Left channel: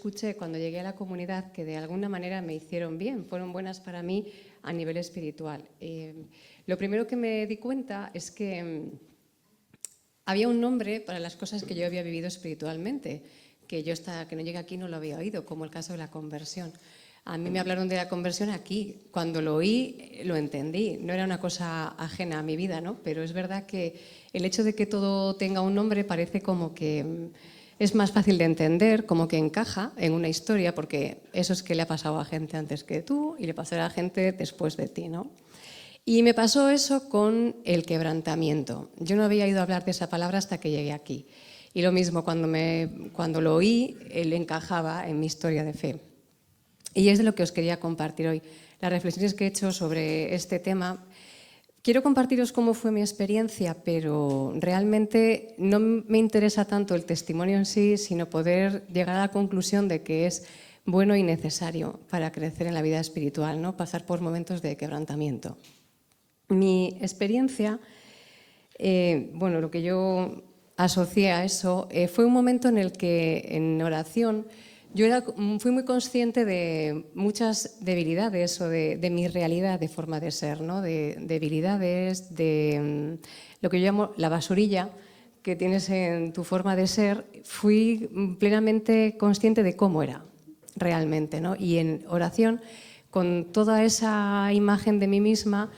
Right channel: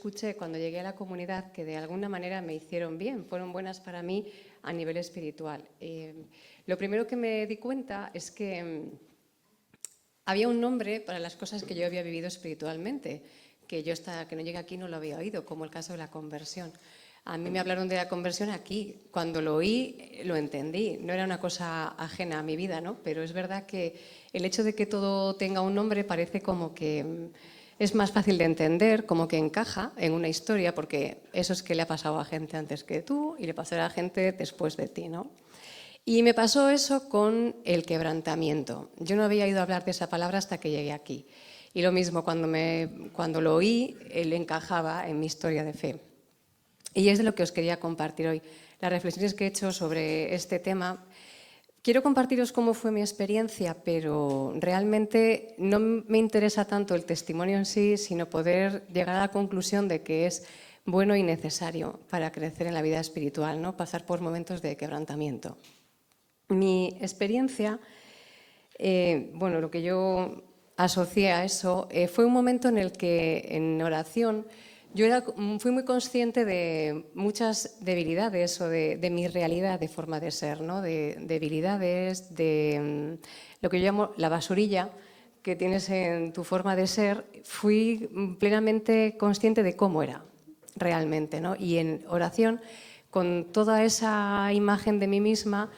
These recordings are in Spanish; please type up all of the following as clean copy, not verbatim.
escuché cuando llegué a la comunidad que de alguna manera me hicieron bien, fueron buenas para mí a nivel espiritual. Lo primero que me di cuenta es que había un nombre para las cosas que yo había vivido espiritualmente, que yo hasta que no llegué aquí no lo había oído, como el caso de la conversión. A mí me hablaron de la conversión aquí. Cuando lo oí, lo entendí. No era una cosa ajena a mi vida, ¿no? Pero es verdad que el hecho de que todo tenga un nombre parece como que es más fácil de entender, como que encaja en una historia, porque eso es que le ha pasado a gente antes que tú y le pasará a gente después de ti, ¿no? Y me pasó eso con el quebrantamiento. Yo no había oído hablar de esa palabra hasta que llegué aquí. Y lo mismo, cuando lo oí, él encajaba en mi historia de fe. Y es de lo que os quería compartir hoy. Las reflexiones que he hecho sobre este tema. Quiero compartiros cómo fue mi experiencia, pero realmente no me interesa tanto el testimonio en sí, sino poder llegar a la conclusión de que es bueno y necesario para crecer en la vida espiritual, ¿no? Pasar por momentos de quebrantamiento. Mi experiencia, bueno, lo que yo asocié a eso, fue un momento en el que en oración yo fui muy consciente de muchas debilidades o de mi realidad de forma de ser, ¿no? De debilidades, de lo que yo llamo la basurilla que tienes en tu forma de ser. Fui plenamente consciente de cómo era realmente, ¿no? Y en oración, con toda esa imagen de mí misma,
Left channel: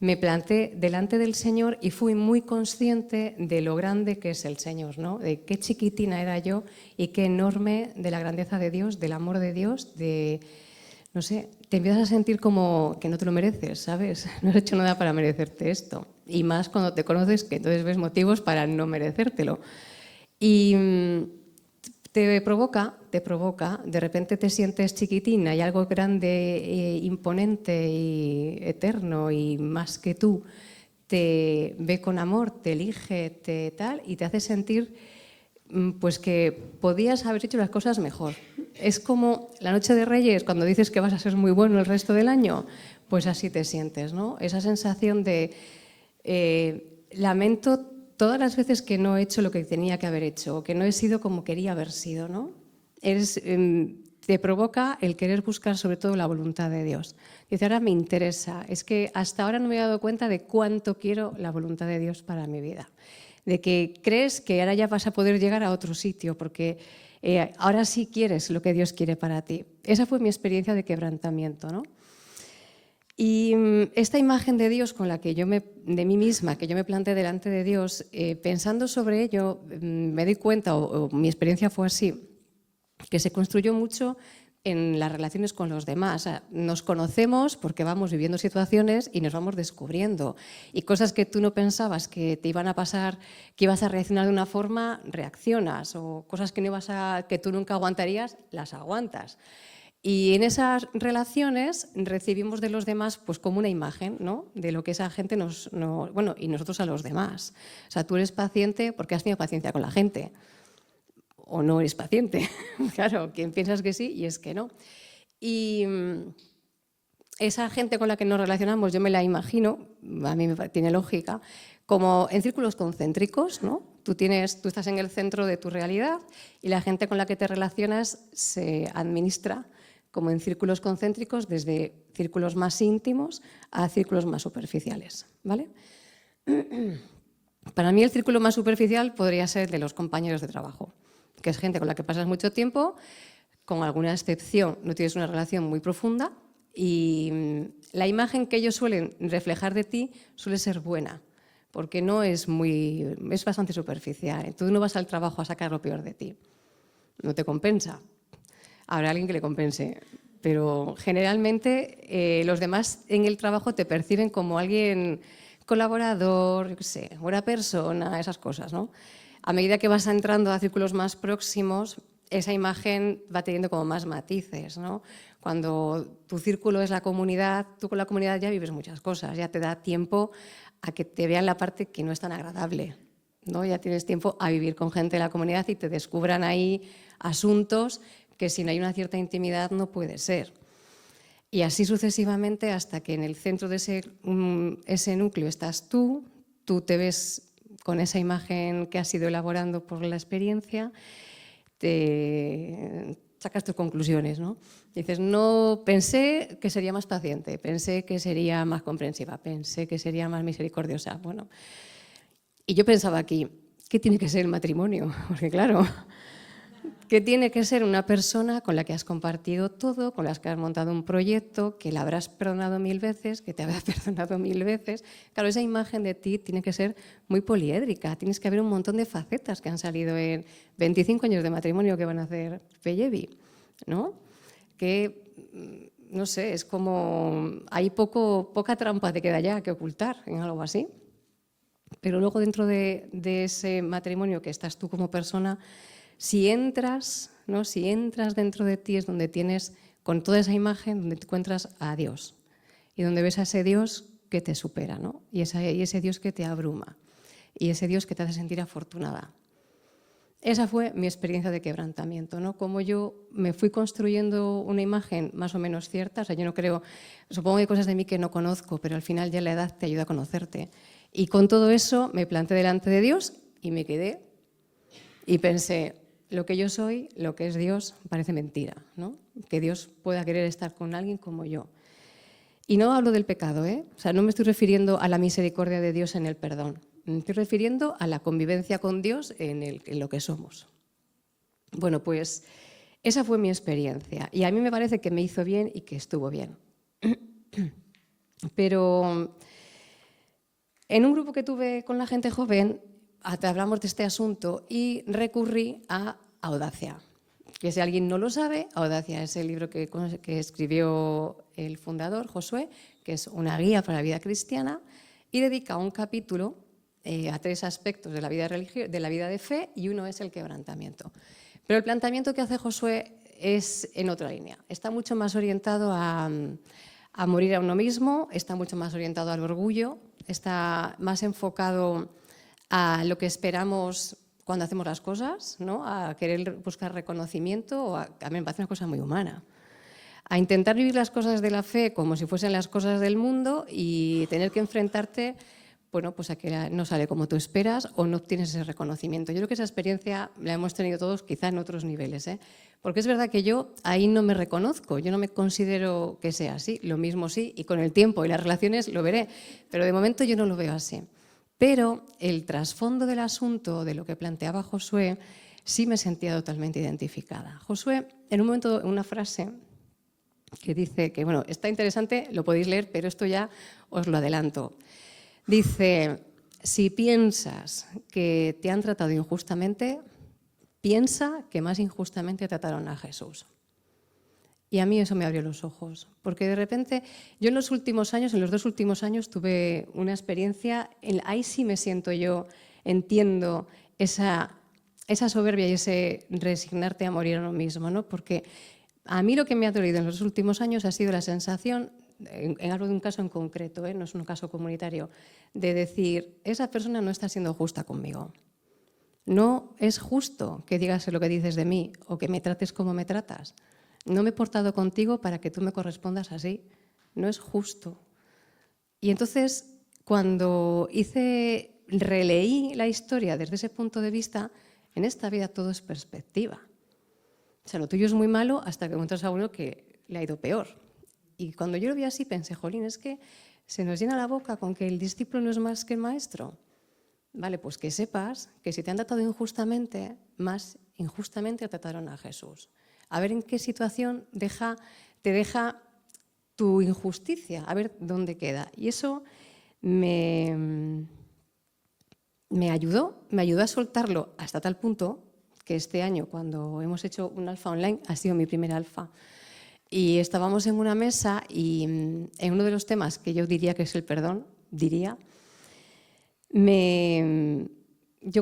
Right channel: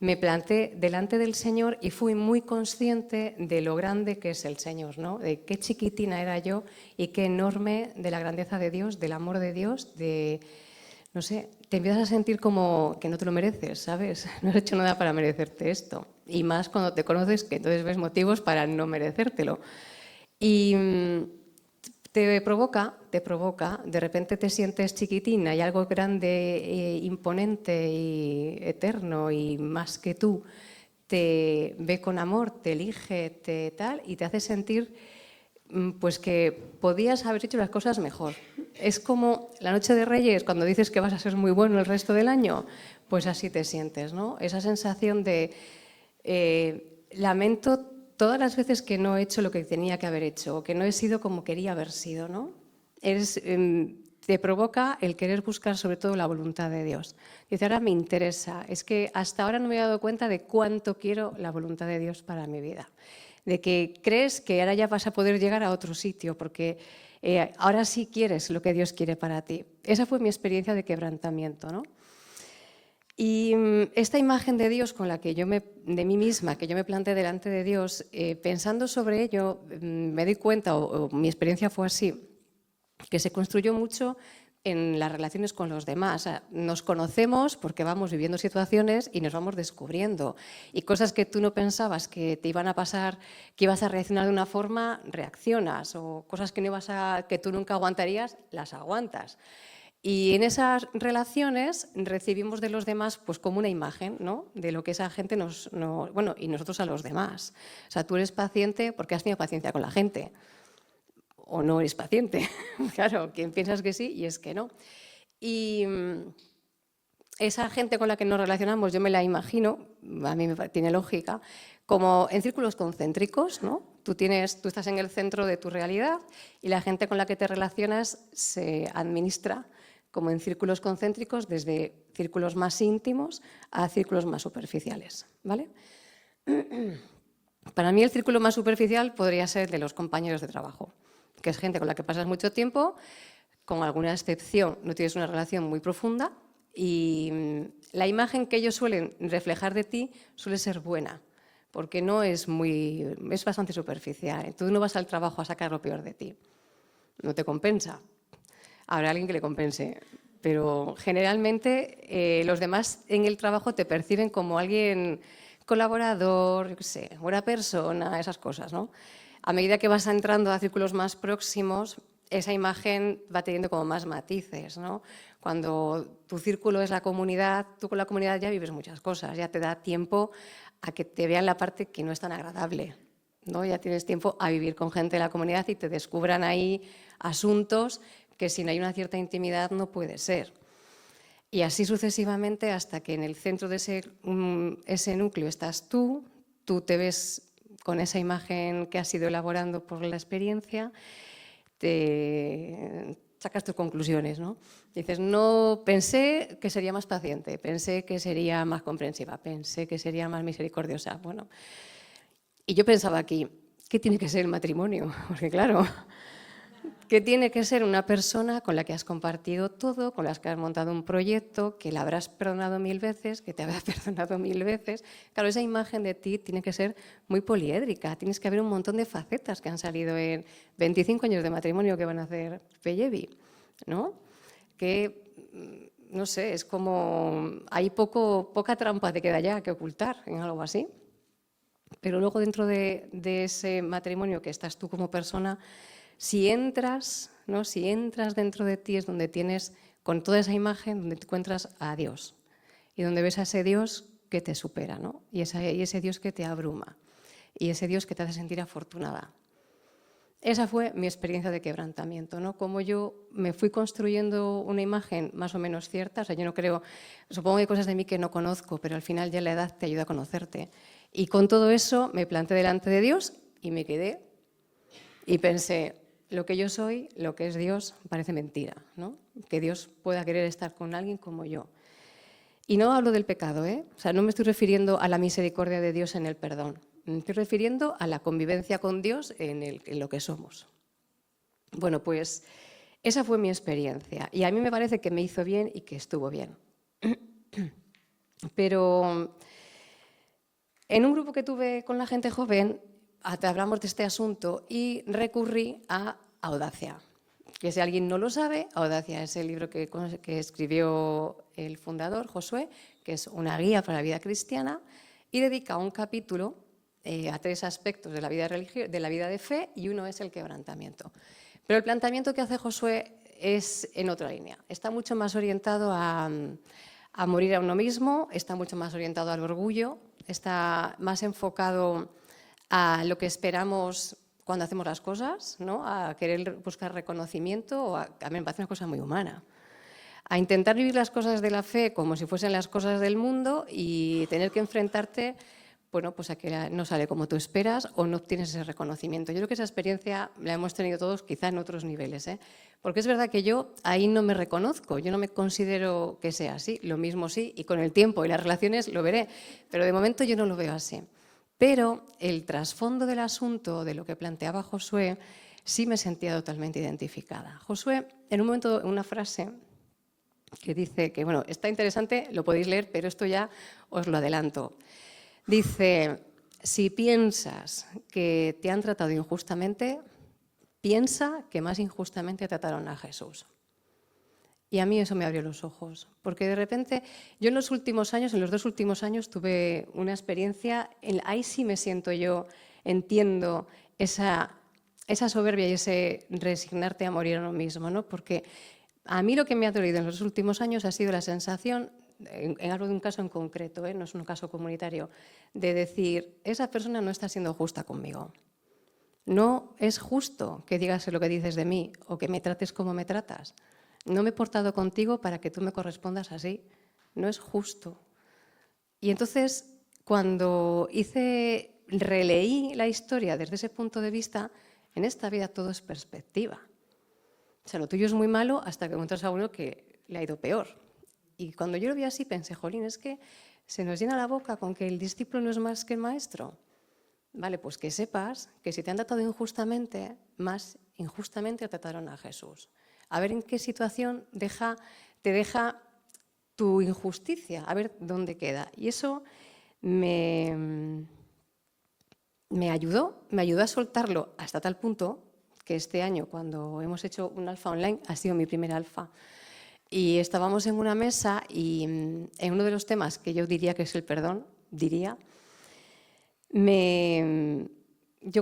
me planté delante del Señor y fui muy consciente de lo grande que es el Señor, ¿no? De qué chiquitina era yo y qué enorme de la grandeza de Dios, del amor de Dios, de, no sé, te empiezas a sentir como que no te lo mereces, ¿sabes? No has hecho nada para merecerte esto. Y más cuando te conoces, que entonces ves motivos para no merecértelo. Y te provoca, de repente te sientes chiquitina y algo grande, imponente y eterno y más que tú te ve con amor, te elige, te tal y te hace sentir pues que podías haber hecho las cosas mejor. Es como la noche de Reyes, cuando dices que vas a ser muy bueno el resto del año, pues así te sientes, ¿no? Esa sensación de lamento todas las veces que no he hecho lo que tenía que haber hecho o que no he sido como quería haber sido, ¿no? Te provoca el querer buscar sobre todo la voluntad de Dios. Dice, ahora me interesa. Es que hasta ahora no me he dado cuenta de cuánto quiero la voluntad de Dios para mi vida. De que crees que ahora ya vas a poder llegar a otro sitio porque ahora sí quieres lo que Dios quiere para ti. Esa fue mi experiencia de quebrantamiento, ¿no? Y esta imagen de Dios con la que de mí misma, que yo me planté delante de Dios, pensando sobre ello, me di cuenta, o mi experiencia fue así, que se construyó mucho en las relaciones con los demás. O sea, nos conocemos porque vamos viviendo situaciones y nos vamos descubriendo. Y cosas que tú no pensabas que te iban a pasar, que ibas a reaccionar de una forma, reaccionas. O cosas que tú nunca aguantarías, las aguantas. Y en esas relaciones recibimos de los demás pues como una imagen, ¿no? De lo que esa gente bueno, y nosotros a los demás. O sea, tú eres paciente porque has tenido paciencia con la gente. O no eres paciente. Claro, quien piensas que sí y es que no. Y esa gente con la que nos relacionamos, yo me la imagino, a mí me tiene lógica, como en círculos concéntricos, ¿no? Tú estás en el centro de tu realidad y la gente con la que te relacionas se administra como en círculos concéntricos, desde círculos más íntimos a círculos más superficiales, ¿vale? Para mí el círculo más superficial podría ser el de los compañeros de trabajo, que es gente con la que pasas mucho tiempo, con alguna excepción no tienes una relación muy profunda y la imagen que ellos suelen reflejar de ti suele ser buena, porque es bastante superficial. Tú no vas al trabajo a sacar lo peor de ti, no te compensa. Habrá alguien que le compense, pero generalmente los demás en el trabajo te perciben como alguien colaborador, yo qué sé, buena persona, esas cosas, ¿no? A medida que vas entrando a círculos más próximos, esa imagen va teniendo como más matices, ¿no? Cuando tu círculo es la comunidad, tú con la comunidad ya vives muchas cosas, ya te da tiempo a que te vean la parte que no es tan agradable, ¿no? Ya tienes tiempo a vivir con gente de la comunidad y te descubran ahí asuntos que si no hay una cierta intimidad no puede ser. Y así sucesivamente hasta que en el centro de ese núcleo estás tú te ves con esa imagen que has ido elaborando por la experiencia, te sacas tus conclusiones, ¿no? Dices, no, pensé que sería más paciente, pensé que sería más comprensiva, pensé que sería más misericordiosa. Bueno, y yo pensaba aquí, ¿qué tiene que ser el matrimonio? Porque claro, ¿qué tiene que ser una persona con la que has compartido todo, con la que has montado un proyecto, que la habrás perdonado 1000 veces, que te habrá perdonado 1000 veces? Claro, esa imagen de ti tiene que ser muy poliédrica, tienes que haber un montón de facetas que han salido en 25 años de matrimonio que van a hacer Pellevi, ¿no? Que, no sé, es como, hay poca trampa te queda ya que ocultar en algo así. Pero luego dentro de ese matrimonio que estás tú como persona, si entras, ¿no? Si entras dentro de ti es donde tienes, con toda esa imagen, donde te encuentras a Dios y donde ves a ese Dios que te supera, ¿no? Y ese Dios que te abruma y ese Dios que te hace sentir afortunada. Esa fue mi experiencia de quebrantamiento, ¿no? Como yo me fui construyendo una imagen más o menos cierta, o sea, yo no creo, supongo que hay cosas de mí que no conozco, pero al final ya la edad te ayuda a conocerte. Y con todo eso me planté delante de Dios y me quedé y pensé, lo que yo soy, lo que es Dios, parece mentira, ¿no? Que Dios pueda querer estar con alguien como yo. Y no hablo del pecado, ¿eh? O sea, no me estoy refiriendo a la misericordia de Dios en el perdón. Me estoy refiriendo a la convivencia con Dios en lo que somos. Bueno, pues esa fue mi experiencia y a mí me parece que me hizo bien y que estuvo bien. Pero en un grupo que tuve con la gente joven, hablamos de este asunto y recurrí a Audacia, que si alguien no lo sabe, Audacia es el libro que escribió el fundador, Josué, que es una guía para la vida cristiana y dedica un capítulo a 3 aspectos de la vida de fe y uno es el quebrantamiento. Pero el planteamiento que hace Josué es en otra línea. Está mucho más orientado a morir a uno mismo, está mucho más orientado al orgullo, está más enfocado a lo que esperamos cuando hacemos las cosas, ¿no? A querer buscar reconocimiento, a mí me parece una cosa muy humana. A intentar vivir las cosas de la fe como si fuesen las cosas del mundo y tener que enfrentarte, bueno, pues a que no sale como tú esperas o no obtienes ese reconocimiento. Yo creo que esa experiencia la hemos tenido todos quizá en otros niveles, ¿eh? Porque es verdad que yo ahí no me reconozco, yo no me considero que sea así, lo mismo sí, y con el tiempo y las relaciones lo veré, pero de momento yo no lo veo así. Pero el trasfondo del asunto, de lo que planteaba Josué, sí me sentía totalmente identificada. Josué, en un momento, en una frase que dice que, bueno, está interesante, lo podéis leer, pero esto ya os lo adelanto. Dice, si piensas que te han tratado injustamente, piensa que más injustamente trataron a Jesús. Y a mí eso me abrió los ojos, porque de repente yo en los en los 2 últimos años tuve una experiencia, ahí sí me siento yo, entiendo esa soberbia y ese resignarte a morir a uno mismo, ¿no? Porque a mí lo que me ha dolido en los últimos años ha sido la sensación, en algo de un caso en concreto, no es un caso comunitario, de decir, esa persona no está siendo justa conmigo. No es justo que digas lo que dices de mí o que me trates como me tratas. No me he portado contigo para que tú me correspondas así. No es justo. Y entonces, cuando releí la historia desde ese punto de vista, en esta vida todo es perspectiva. O sea, lo tuyo es muy malo hasta que encuentras a uno que le ha ido peor. Y cuando yo lo vi así pensé, jolín, es que se nos llena la boca con que el discípulo no es más que el maestro. Vale, pues que sepas que si te han tratado injustamente, más injustamente trataron a Jesús. A ver en qué situación te deja tu injusticia, a ver dónde queda. Y eso me ayudó a soltarlo hasta tal punto que este año, cuando hemos hecho un alfa online, ha sido mi primer alfa. Y estábamos en una mesa y en uno de los temas que yo diría que es el perdón, yo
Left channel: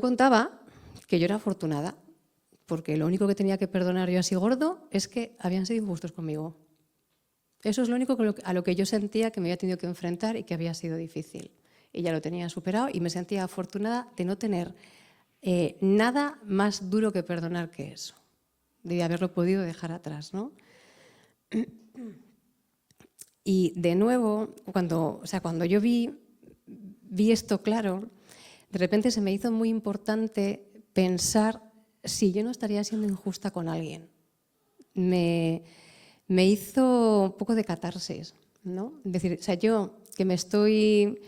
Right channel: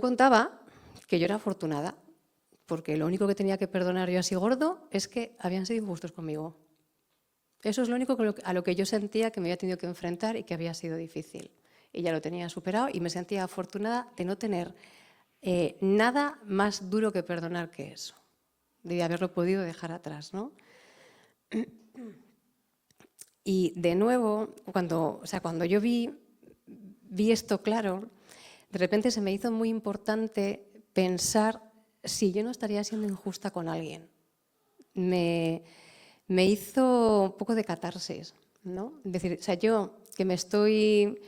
contaba que yo era afortunada, porque lo único que tenía que perdonar yo así gordo es que habían sido injustos conmigo. Eso es lo único a lo que yo sentía que me había tenido que enfrentar y que había sido difícil. Y ya lo tenía superado y me sentía afortunada de no tener nada más duro que perdonar que eso, de haberlo podido dejar atrás, ¿no? Y de nuevo, cuando yo vi esto claro, de repente se me hizo muy importante pensar si yo no estaría siendo injusta con alguien. me hizo un poco de catarsis, ¿no? Es decir, o sea, yo que estoy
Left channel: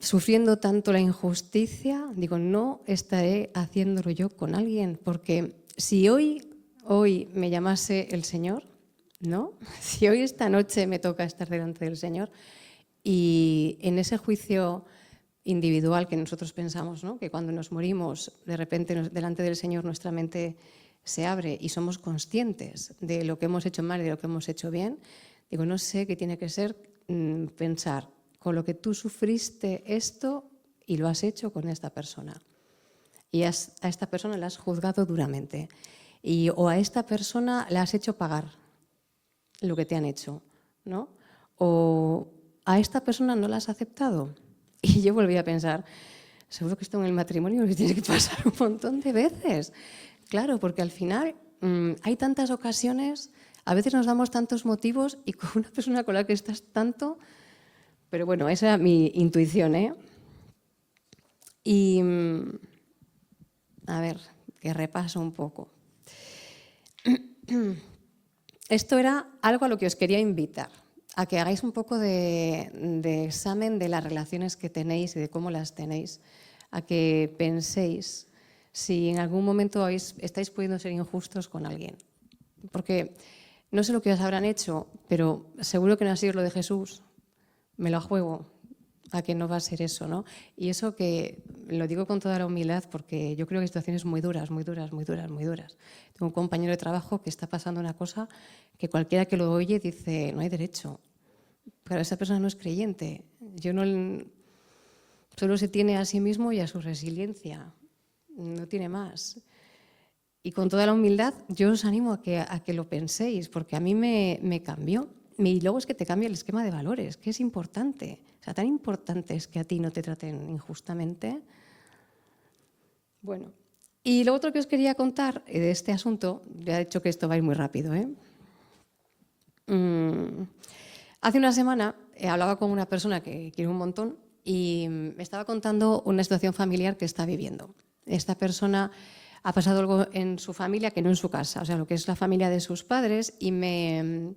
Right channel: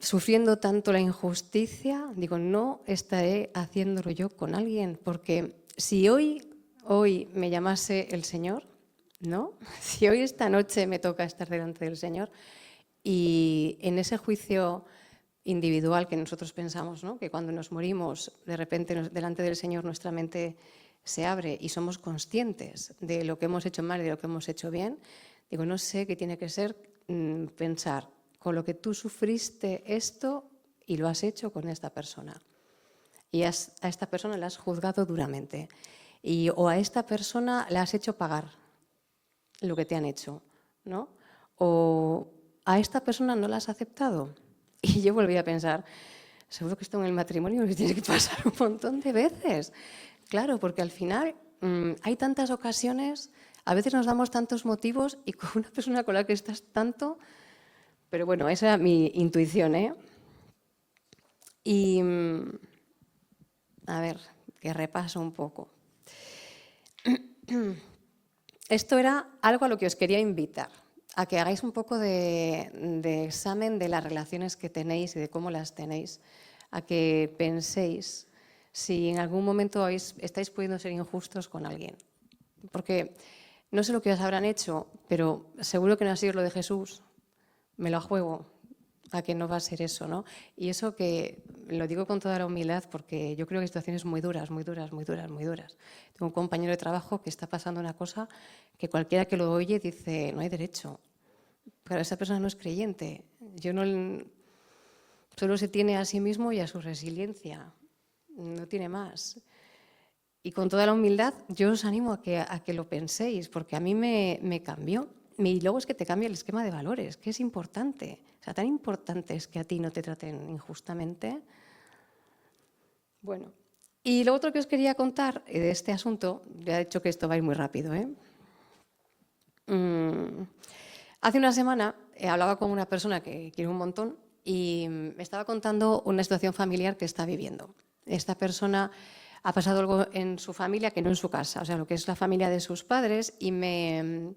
sufriendo tanto la injusticia, digo, no estaré haciéndolo yo con alguien, porque si hoy me llamase el Señor, ¿no? Si hoy esta noche me toca estar delante del Señor y en ese juicio individual que nosotros pensamos, ¿no? Que cuando nos morimos, de repente delante del Señor nuestra mente se abre y somos conscientes de lo que hemos hecho mal y de lo que hemos hecho bien, digo, no sé qué tiene que ser pensar con lo que tú sufriste esto y lo has hecho con esta persona. Y a esta persona la has juzgado duramente. O a esta persona la has hecho pagar lo que te han hecho, ¿no? O a esta persona no la has aceptado. Y yo volví a pensar, seguro que esto en el matrimonio me tiene que pasar un montón de veces. Claro, porque al final hay tantas ocasiones, a veces nos damos tantos motivos y con una persona con la que estás tanto, pero bueno, esa era mi intuición, ¿eh? Y, a ver, que repaso un poco. Esto era algo a lo que os quería invitar, a que hagáis un poco de examen de las relaciones que tenéis y de cómo las tenéis, a que penséis si en algún momento estáis pudiendo ser injustos con alguien. Porque no sé lo que os habrán hecho, pero seguro que no ha sido lo de Jesús. Me lo juego a que no va a ser eso, ¿no? Y eso que lo digo con toda la humildad porque yo creo que hay situaciones muy duras, muy duras, muy duras, muy duras. Tengo un compañero de trabajo que está pasando una cosa que cualquiera que lo oye dice, no hay derecho. Pero esa persona no es creyente. Solo se tiene a sí mismo y a su resiliencia. No tiene más. Y con toda la humildad yo os animo a que lo penséis, porque a mí me cambió. Y luego es que te cambia el esquema de valores, que es importante. O sea, tan importante es que a ti no te traten injustamente. Bueno, y lo otro que os quería contar de este asunto, ya he dicho que esto va a ir muy rápido, ¿eh? Hace una semana hablaba con una persona que quiero un montón y me estaba contando una situación familiar que está viviendo. Esta persona ha pasado algo en su familia que no en su casa, o sea, lo que es la familia de sus padres, y me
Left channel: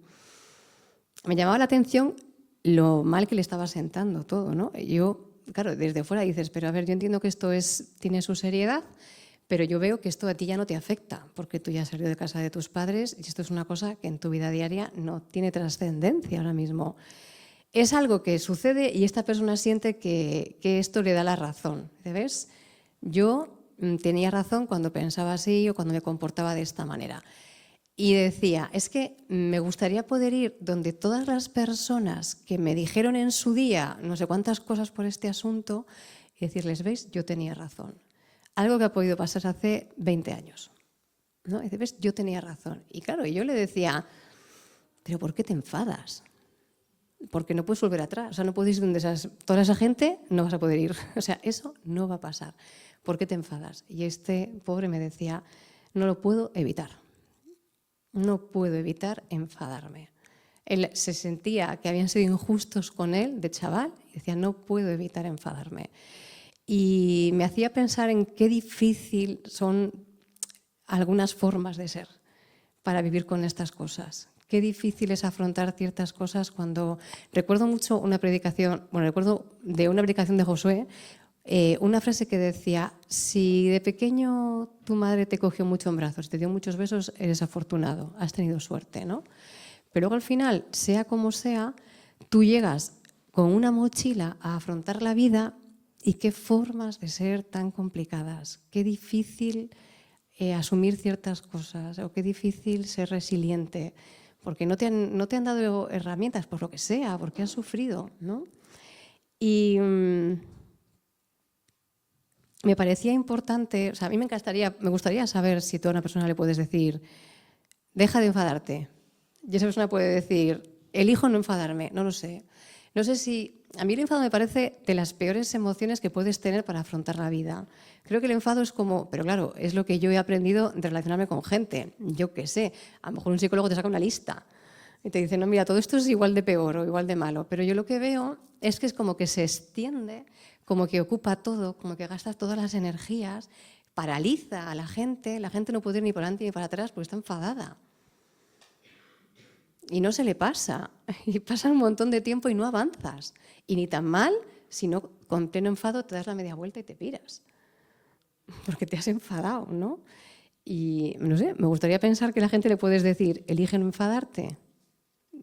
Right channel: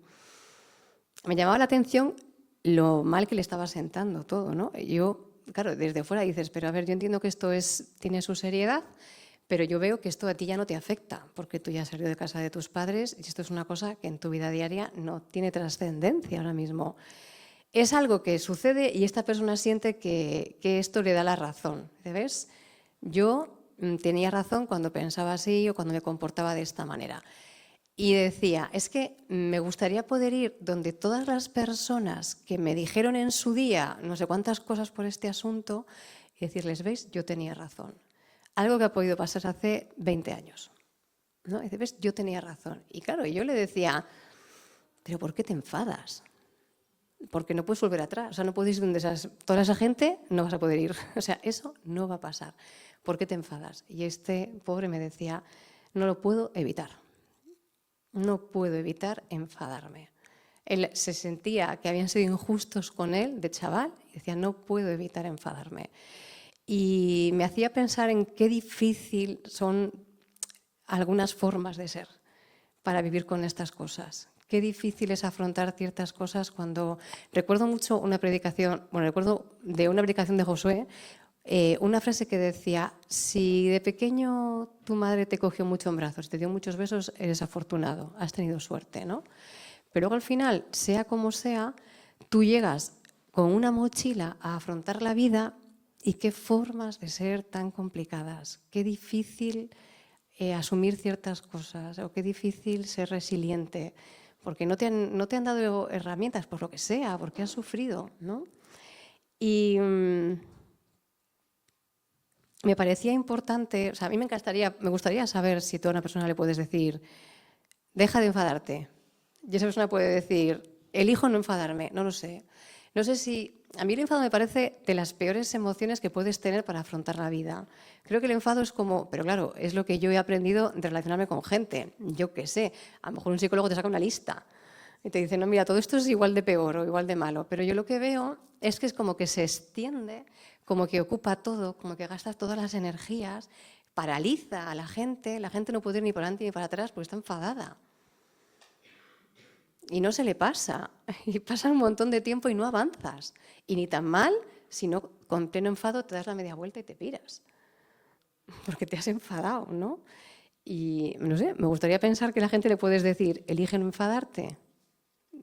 llamaba la atención lo mal que le estaba sentando todo, ¿no? Yo, claro, desde fuera dices, pero a ver, yo entiendo que esto tiene su seriedad, pero yo veo que esto a ti ya no te afecta, porque tú ya has salido de casa de tus padres y esto es una cosa que en tu vida diaria no tiene trascendencia ahora mismo. Es algo que sucede y esta persona siente que esto le da la razón. ¿Ves? Yo tenía razón cuando pensaba así o cuando me comportaba de esta manera. Y decía, es que me gustaría poder ir donde todas las personas que me dijeron en su día no sé cuántas cosas por este asunto y decirles, ¿veis? Yo tenía razón. Algo que ha podido pasar hace 20 años. ¿No? Y dice, ¿ves? Yo tenía razón. Y claro, yo le decía, ¿pero por qué te enfadas? Porque no puedes volver atrás. O sea, no puedes ir donde toda esa gente, no vas a poder ir. O sea, eso no va a pasar. ¿Por qué te enfadas? Y este pobre me decía, no lo puedo evitar. No puedo evitar enfadarme. Él se sentía que habían sido injustos con él de chaval y decía, no puedo evitar enfadarme. Y me hacía pensar en qué difícil son algunas formas de ser para vivir con estas cosas. Qué difícil es afrontar ciertas cosas cuando... Recuerdo mucho una predicación, recuerdo de una predicación de Josué, una frase que decía, si de pequeño tu madre te cogió mucho en brazos, te dio muchos besos, eres afortunado, has tenido suerte, ¿no? Pero luego al final, sea como sea, tú llegas con una mochila a afrontar la vida y qué formas de ser tan complicadas, qué difícil asumir ciertas cosas o qué difícil ser resiliente, porque no te han dado herramientas por lo que sea, porque has sufrido, ¿no? Y me parecía importante, o sea, a mí me gustaría saber si tú a una persona le puedes decir, deja de enfadarte. Y esa persona puede decir, elijo no enfadarme, no lo sé. No sé si, a mí el enfado me parece de las peores emociones que puedes tener para afrontar la vida. Creo que el enfado es como, pero claro, es lo que yo he aprendido de relacionarme con gente. Yo qué sé, a lo mejor un psicólogo te saca una lista y te dice, no, mira, todo esto es igual de peor o igual de malo. Pero yo lo que veo es como que se extiende, como que ocupa todo, como que gastas todas las energías, paraliza a la gente no puede ir ni para adelante ni para atrás porque está enfadada. Y no se le pasa, y pasa un montón de tiempo y no avanzas. Y ni tan mal, si no con pleno enfado te das la media vuelta y te piras. Porque te has enfadado, ¿no? Y no sé, me gustaría pensar que a la gente le puedes decir, elige no enfadarte.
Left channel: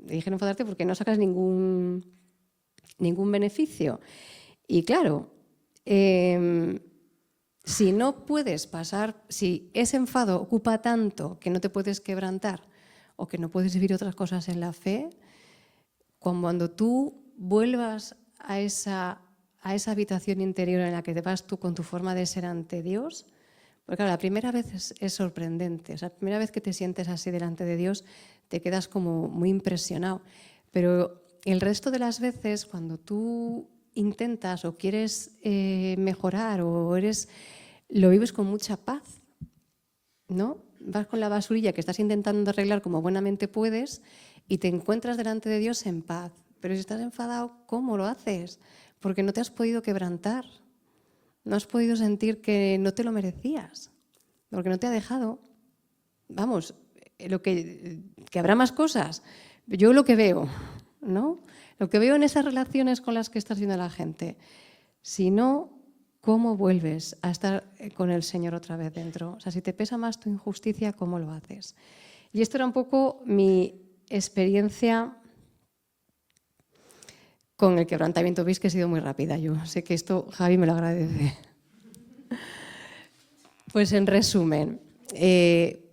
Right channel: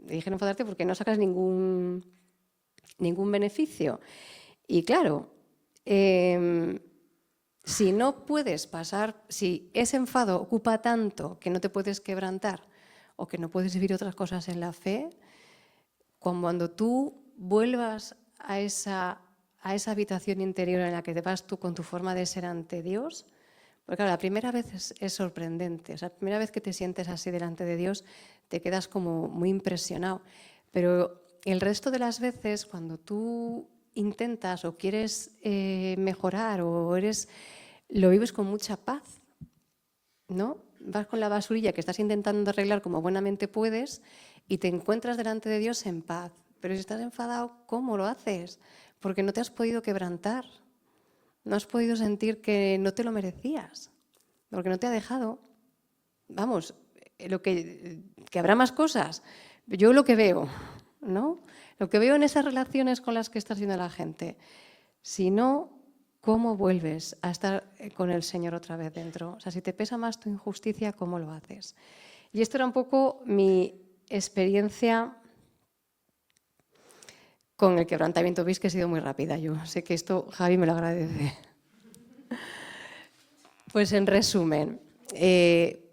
Elige no enfadarte porque no sacas ningún beneficio. Y claro, si no puedes pasar, si ese enfado ocupa tanto que no te puedes quebrantar o que no puedes vivir otras cosas en la fe, cuando tú vuelvas a esa habitación interior en la que te vas tú con tu forma de ser ante Dios, porque claro, la primera vez es sorprendente, o sea, la primera vez que te sientes así delante de Dios te quedas como muy impresionado, pero el resto de las veces cuando tú intentas o quieres mejorar o lo vives con mucha paz, ¿no? Vas con la basurilla que estás intentando arreglar como buenamente puedes y te encuentras delante de Dios en paz. Pero si estás enfadado, ¿cómo lo haces? Porque no te has podido quebrantar. No has podido sentir que no te lo merecías. Porque no te ha dejado. Vamos, que habrá más cosas. Yo lo que veo, ¿no? Lo que veo en esas relaciones con las que estás viendo a la gente. Si no, ¿cómo vuelves a estar con el Señor otra vez dentro? O sea, si te pesa más tu injusticia, ¿cómo lo haces? Y esto era un poco mi experiencia con el quebrantamiento. Veis que he sido muy rápida. Yo sé que esto Javi me lo agradece. Pues en resumen,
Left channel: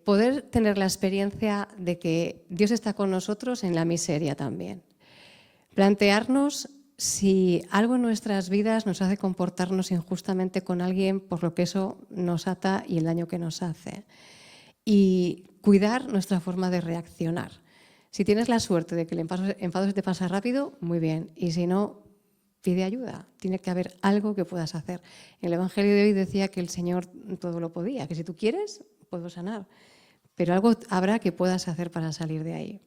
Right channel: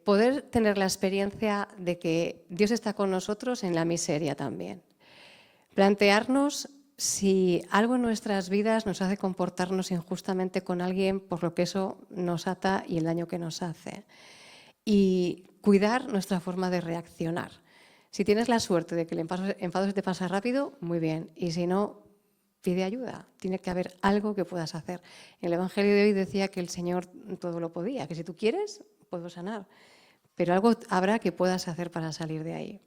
poder tener la experiencia de que Dios está con nosotros en la miseria también. Plantearnos si algo en nuestras vidas nos hace comportarnos injustamente con alguien, por lo que eso nos ata y el daño que nos hace. Y cuidar nuestra forma de reaccionar. Si tienes la suerte de que el enfado se te pasa rápido, muy bien. Y si no, pide ayuda. Tiene que haber algo que puedas hacer. En el Evangelio de hoy decía que el Señor todo lo podía, que si tú quieres, puedo sanar. Pero algo habrá que puedas hacer para salir de ahí.